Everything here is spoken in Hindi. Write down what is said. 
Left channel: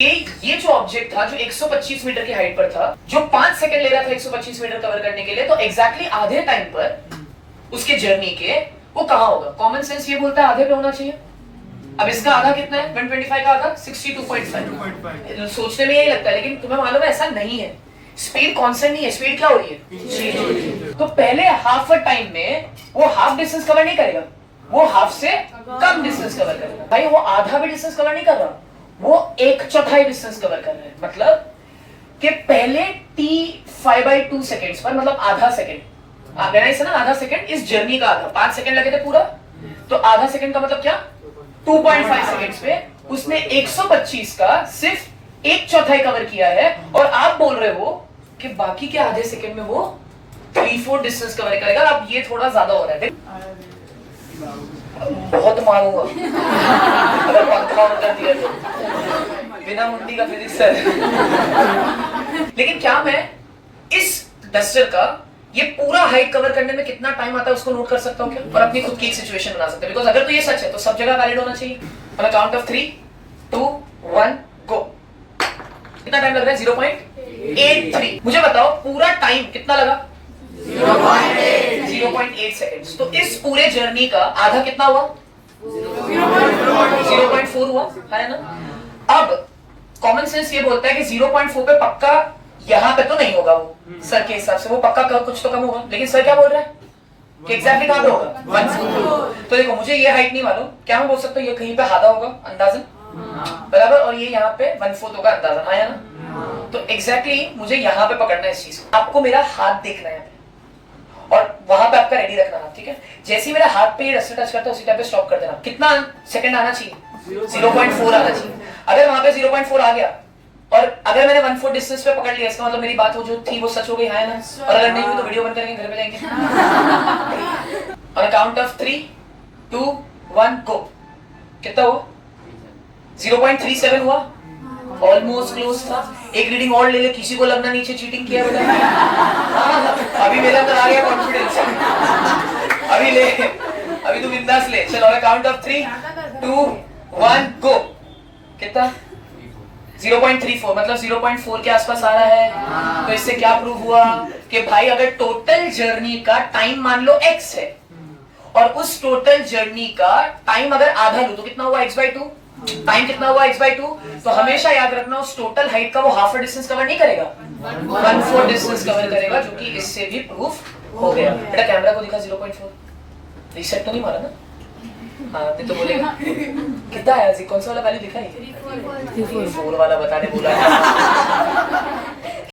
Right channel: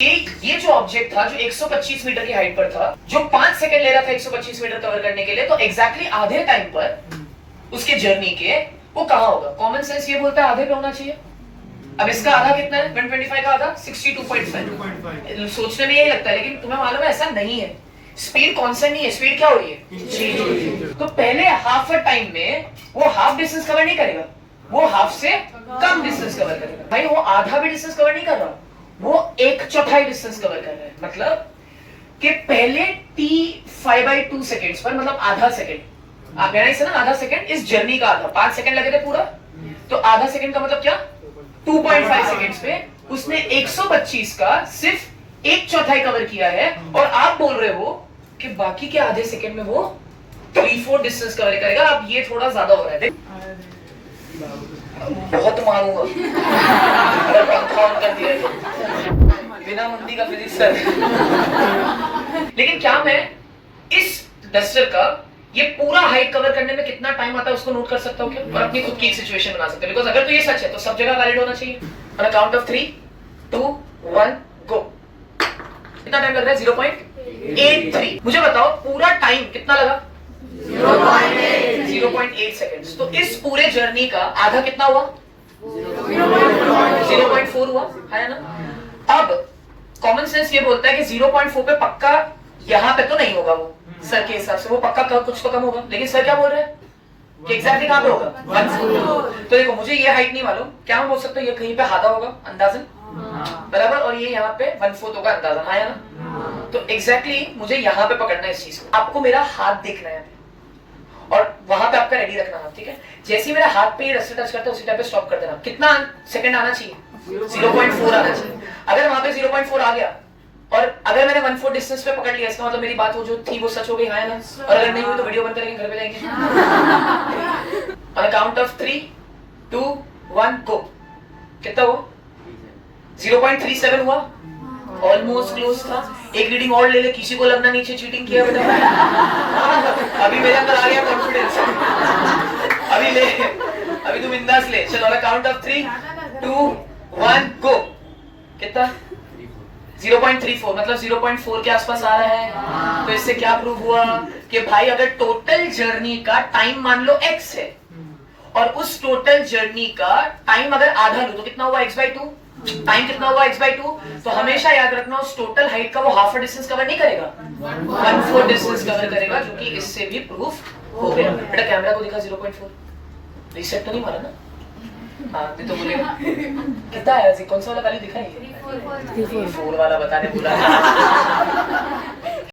ये जो ऑब्जेक्ट था जो 125 मीटर की हाइट पर था, जो 5 सेकंड ले रहा था 125 मीटर कवर करने के लिए, तो एग्जैक्टली आधे टाइम पर उसके जर्नी के वो कहां होगा? कॉमन सेंस ये बोलता है आधे पे होना चाहिए। अब इसका आधा कितना है? 125 का आधा 62.5। सोचने में यही लगता है, लेकिन तुम्हें मालूम है ऐसा नहीं है। स्पीड कांस्टेंट नहीं है, स्पीड क्या हो रही है? तो पहले हाफ टाइम में वो हाफ डिस्टेंस कवर नहीं करेगा, वो हाफ से कम डिस्टेंस कवर करेगा। भाई वो आधा भी डिस्टेंस कवर नहीं कर रहा, वो 1/4 डिस्टेंस कवर कर रहा है। मतलब कि पहले t 5/2 सेकेंड्स पर, मतलब आधा सेकेंड, आप लेना इसे ना, आधा सेकेंड इस जर्नी का आधा, 5 सेकेंड लगे थे पूरा, तो आधा सेकेंड का मतलब क्या? 2.5 सेकेंड्स पे उसने 125 का सिर्फ 1/4 कवर किया है, और आप बोल रहे हो कि बाकी के आधे सेकेंड में वो 3/4 डिस्टेंस कवर करेगा। अब ये थोड़ा ज्यादा हो रहा है, बहुत मारूंगा अगर पंखा ऑन कर दिया तो, बिना मुंडी का फिजिक्स है। लेकिन क्या मैं इस डस्टर का ये पूरा हाइट कवर करने में कितना टाइम आता है उसको नोट कर सकता हूँ क्या? और अपनी खुद की एक सिचुएशन बना सकता हूँ। बिकॉज अगर तो ये सच है तो सब जगह वैलिड होना चाहिए। ऑन काउंट ऑफ 3, 2, 1 गो। कितना टाइम लग रहा है? 0.83। मुझे बताओ पूरा टाइम कितना लगा? 0.8 सेकेंड्स। तो इस पूरे जर्नी का आधा कितना हुआ? 0.4 हुआ है ना। अब कॉमन सेंस ये बोलता है कि 0.4 पे पक्का यहां पे तो नहीं होगा, वो सर के हिसाब से वो पक्का कुछ तो कम होगा। लेकिन सर क्या बोल रहा है कि एग्जैक्टली कहां पे होगा? तो देखो मुझे ये हाइट नहीं मालूम, क्या मैं बोल सकता हूँ ये कहीं पे आधा होगा अंदाजन, बराबर, और ये यहाँ पे 1/4 होगा अंदाजन, आया ना। तो एग्जैक्टली मुझे यहाँ पे पकड़ना है इस चीज को। आपको मेरा हाथ देखना है और वहां पे आपका रेडी रखना हाथ, ठीक है? जैसे ही मेरा हाथ पे ये रस्सी टच करता है उसी टाइम पे स्टॉप कर देना। कितना सेकंड आना चाहिए? 0.4 आना चाहिए। अगर वहां पे 0.4 आ गया और अगर मैंने 1/4 डिस्टेंस पे पकड़ लिया, इसका मतलब मेरी बात वो जो थी वो सच हो गई, हाँ ना? और अगर नहीं हुई तो वीडियो बंद करेंगे, घर पे जाएंगे। ऑन काउंट ऑफ 3, 2, 1 गो। कितना हुआ? 0.37 हुआ, ऑलमोस्ट क्लोज था। एक रीडिंग और ले ले, किसी को लगना नीचे चीटिंग किया बेटा। अभी मेरे अंदर आ गया कॉन्फिडेंस। अभी ले, अभी तुम बिंदास ले। चलो ऑन काउंट ऑफ 3, 2, 1 गो। कितना? 0.34, मतलब 0.4 के आसपास आ रहा है। तो इससे क्या प्रूव हुआ कि भाई अगर टोटल जर्नी का टाइम मान लो x है और उस टोटल जर्नी का टाइम अगर आधा लो तो कितना हुआ? x/2। टाइम कितना हुआ? x/2। तो हमेशा याद रखना उस टोटल हाइट का वो हाफ डिस्टेंस कवर नहीं करेगा, 1/4 डिस्टेंस कवर करेगा, जो कि इससे भी प्रूफ हो गया। बेटा कैमरा को दिखा 0.4, रीसेट तो नहीं मारा ना? हाँ तो बोलेगा कितना आया? कौन सा वाला वैल्यू दिखा? 4 वाला बताने बोला।